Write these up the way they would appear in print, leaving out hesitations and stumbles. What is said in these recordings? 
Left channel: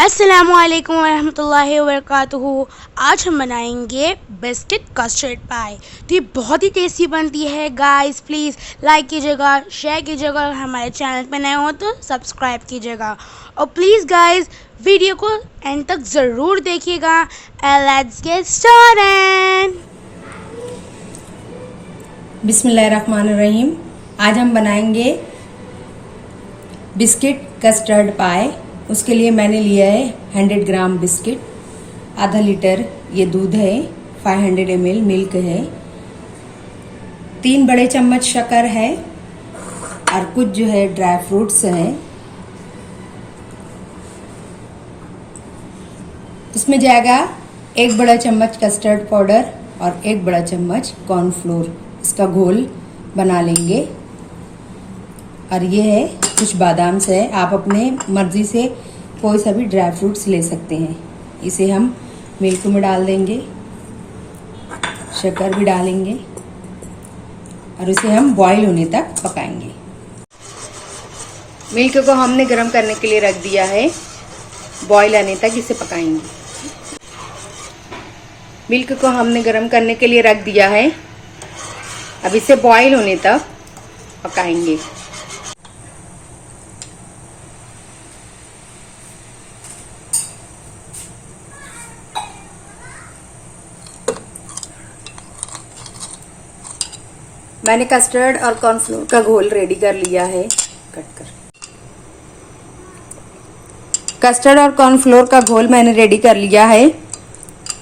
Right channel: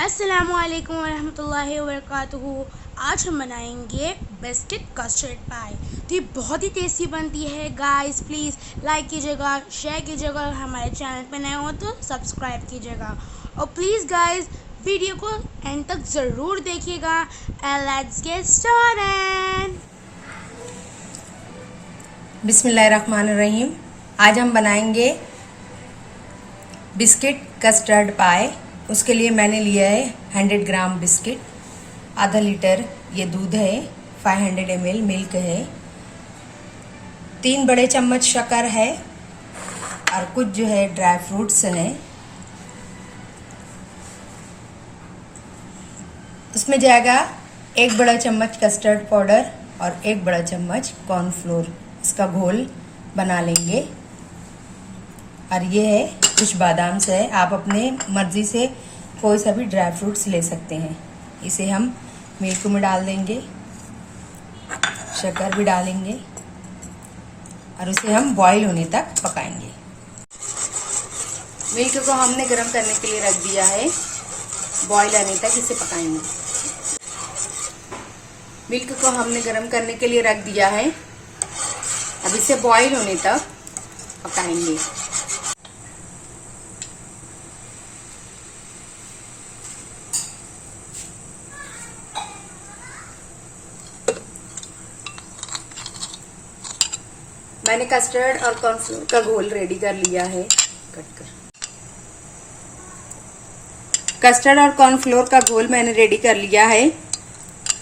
अस्सलामुअलैकुम वरहमतुल्लाहि वबरकातुहू। आज हम बनाएंगे बिस्किट कस्टर्ड पाई। तो ये बहुत ही टेस्टी बनती है गाइस। प्लीज़ लाइक कीजिएगा, शेयर कीजिएगा और हमारे चैनल पर नए हो तो सब्सक्राइब कीजिएगा। और प्लीज़ गाइस वीडियो को एंड तक ज़रूर देखिएगा। Let's get started. बिस्मिल्लाहिर्रहमानिर्रहीम। आज हम बनाएंगे बिस्किट कस्टर्ड पाई। उसके लिए मैंने लिया है 100 ग्राम बिस्किट, आधा लीटर ये दूध है, 500 ml मिल्क है, 3 बड़े चम्मच शक्कर है और कुछ जो है ड्राई फ्रूट्स हैं। उसमें जाएगा 1 बड़ा चम्मच कस्टर्ड पाउडर और 1 बड़ा चम्मच कॉर्नफ्लोर। इसका घोल बना लेंगे। और ये है कुछ बादाम से है, आप अपने मर्जी से कोई सा भी ड्राई फ्रूट्स ले सकते हैं। इसे हम मिल्क में डाल देंगे, शक्कर भी डालेंगे और इसे हम बॉईल होने तक पकाएंगे। मिल्क को हमने गर्म करने के लिए रख दिया है, बॉईल आने तक इसे पकाएंगे। मिल्क को हमने गर्म करने के लिए रख दिया है, अब इसे बॉईल होने तक पकाएंगे। मैंने कस्टर्ड और कॉर्नफ्लोर का घोल रेडी कर लिया है। कस्टर्ड और कॉर्नफ्लोर का घोल मैंने रेडी कर लिया है।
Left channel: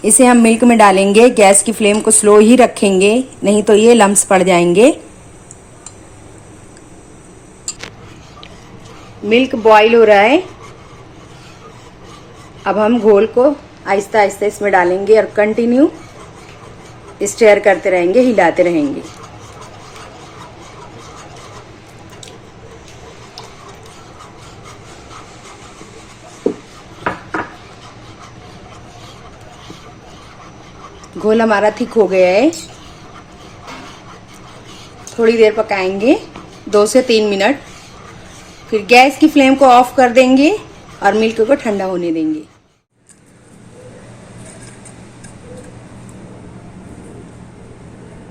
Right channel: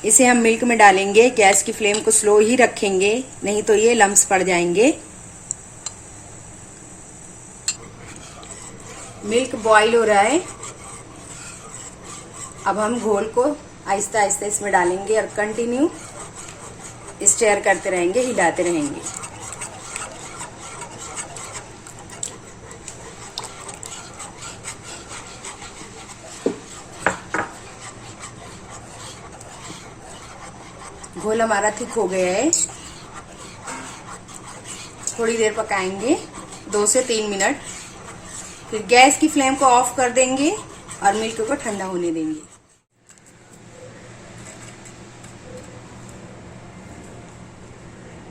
इसे हम मिल्क में डालेंगे। गैस की फ्लेम को स्लो ही रखेंगे, नहीं तो ये लम्प्स पड़ जाएंगे। मिल्क बॉईल हो रहा है। अब हम घोल को आहिस्ता आहिस्ता इसमें डालेंगे और कंटिन्यू स्टेयर करते रहेंगे, हिलाते रहेंगे। घोल हमारा थिक हो गया है। थोड़ी देर पकाएंगे, 2 से 3 मिनट। फिर गैस की फ्लेम को ऑफ कर देंगे और मिल्क को ठंडा होने देंगे।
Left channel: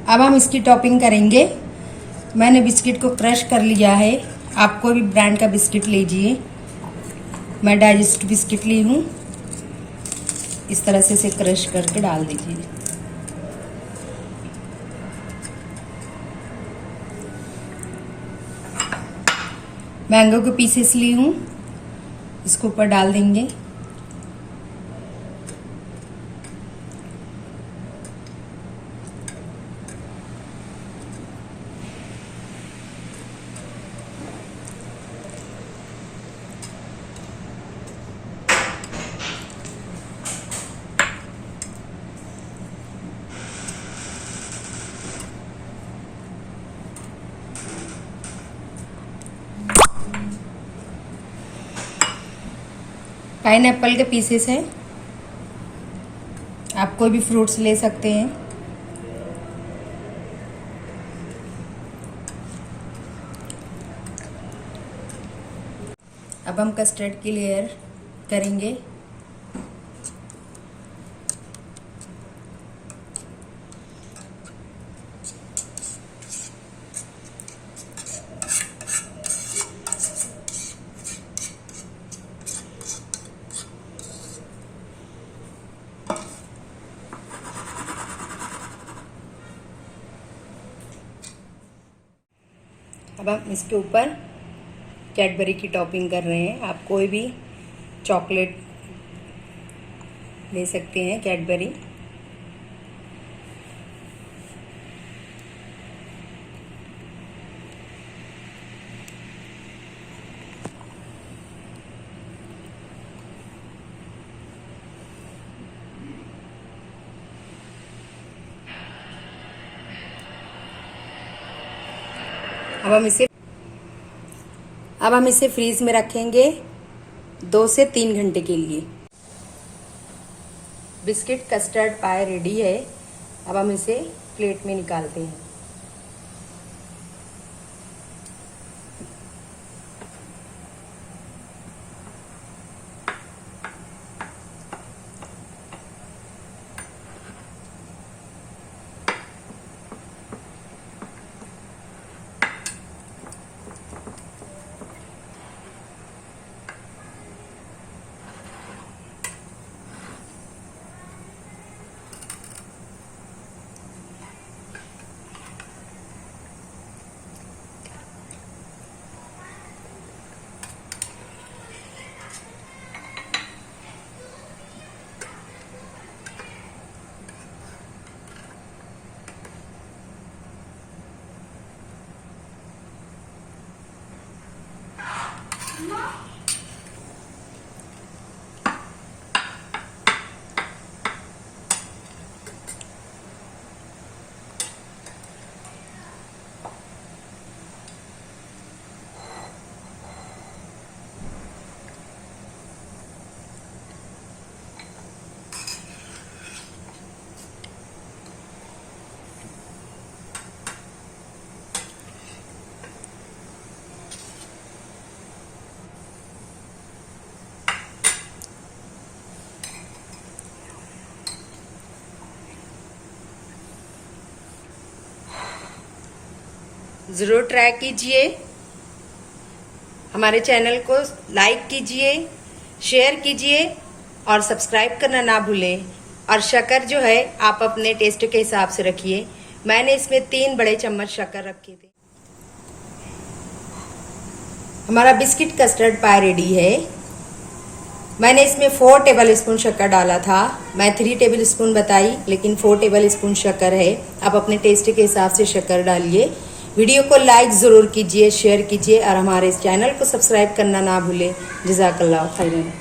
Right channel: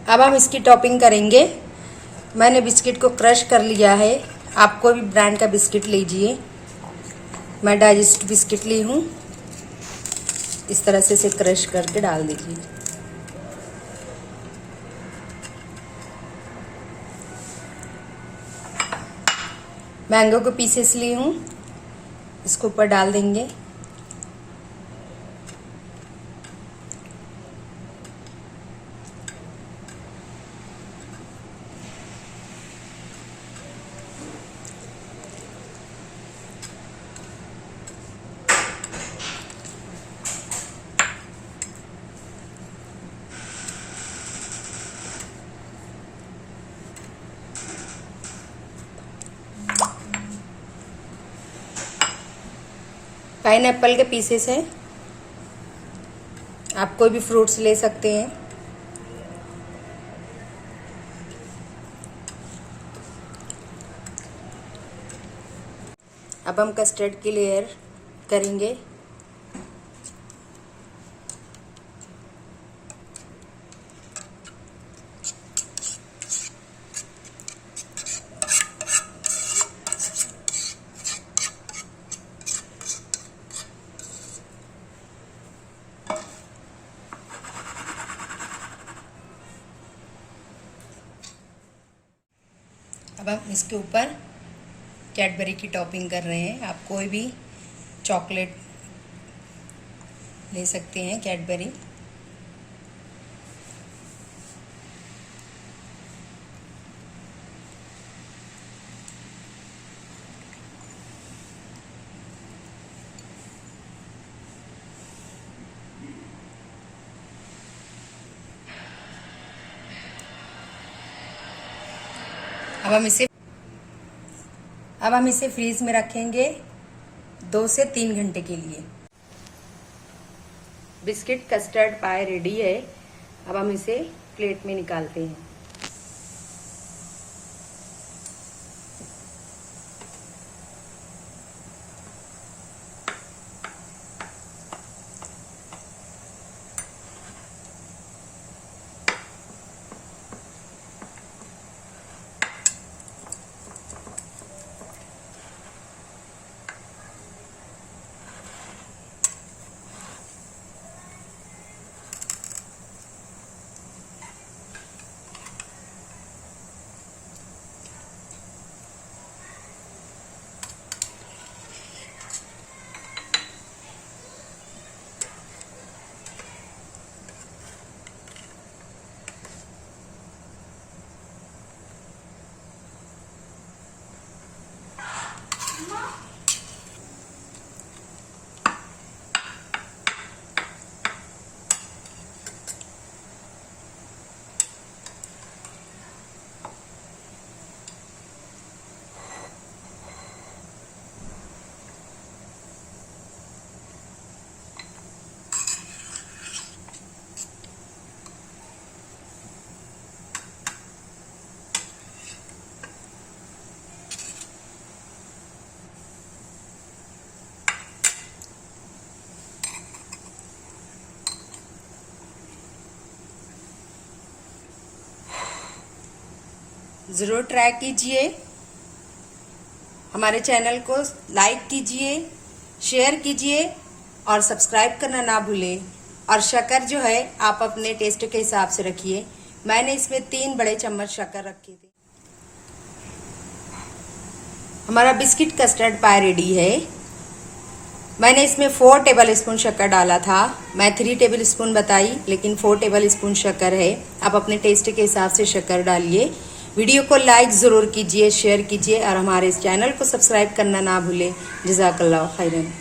अब हम इसकी टॉपिंग करेंगे। मैंने बिस्किट को क्रश कर लिया है। आप कोई भी ब्रांड का बिस्किट लीजिए। मैं डाइजेस्ट बिस्किट ली हूँ। इस तरह से इसे क्रश करके डाल दीजिए। मैंगो के पीसेस ली हूँ, इसको ऊपर डाल देंगे। पाइनएप्पल के पीसेस हैं, आप कोई भी फ्रूट्स ले सकते हैं। अब हम कस्टर्ड की लेयर करेंगे। अब हम इसके ऊपर कैडबरी की टॉपिंग कर रहे हैं। आप कोई भी चॉकलेट ले सकते हैं, कैडबरी। अब हम इसे फ्रीज में रखेंगे 2 से 3 घंटे के लिए। बिस्किट कस्टर्ड पाई रेडी है। अब हम इसे प्लेट में निकालते हैं। ज़रूर ट्राई कीजिए। हमारे चैनल को लाइक कीजिए, शेयर कीजिए और सब्सक्राइब करना ना भूलें। और शक्कर जो है आप अपने टेस्ट के हिसाब से रखिए। मैंने इसमें 3 बड़े चम्मच शक्कर रखे थे। हमारा बिस्किट कस्टर्ड पाई रेडी है। मैंने इसमें 4 टेबल स्पून शक्कर डाला था। मैं 3 टेबल स्पून बताई, लेकिन 4 टेबल स्पून शक्कर है। आप अपने टेस्ट के हिसाब से शक्कर डालिए। वीडियो को लाइक जरूर कीजिए, शेयर कीजिए और हमारे इस चैनल को सब्सक्राइब करना ना भूलें। जज़ाकल्लाह खैरन।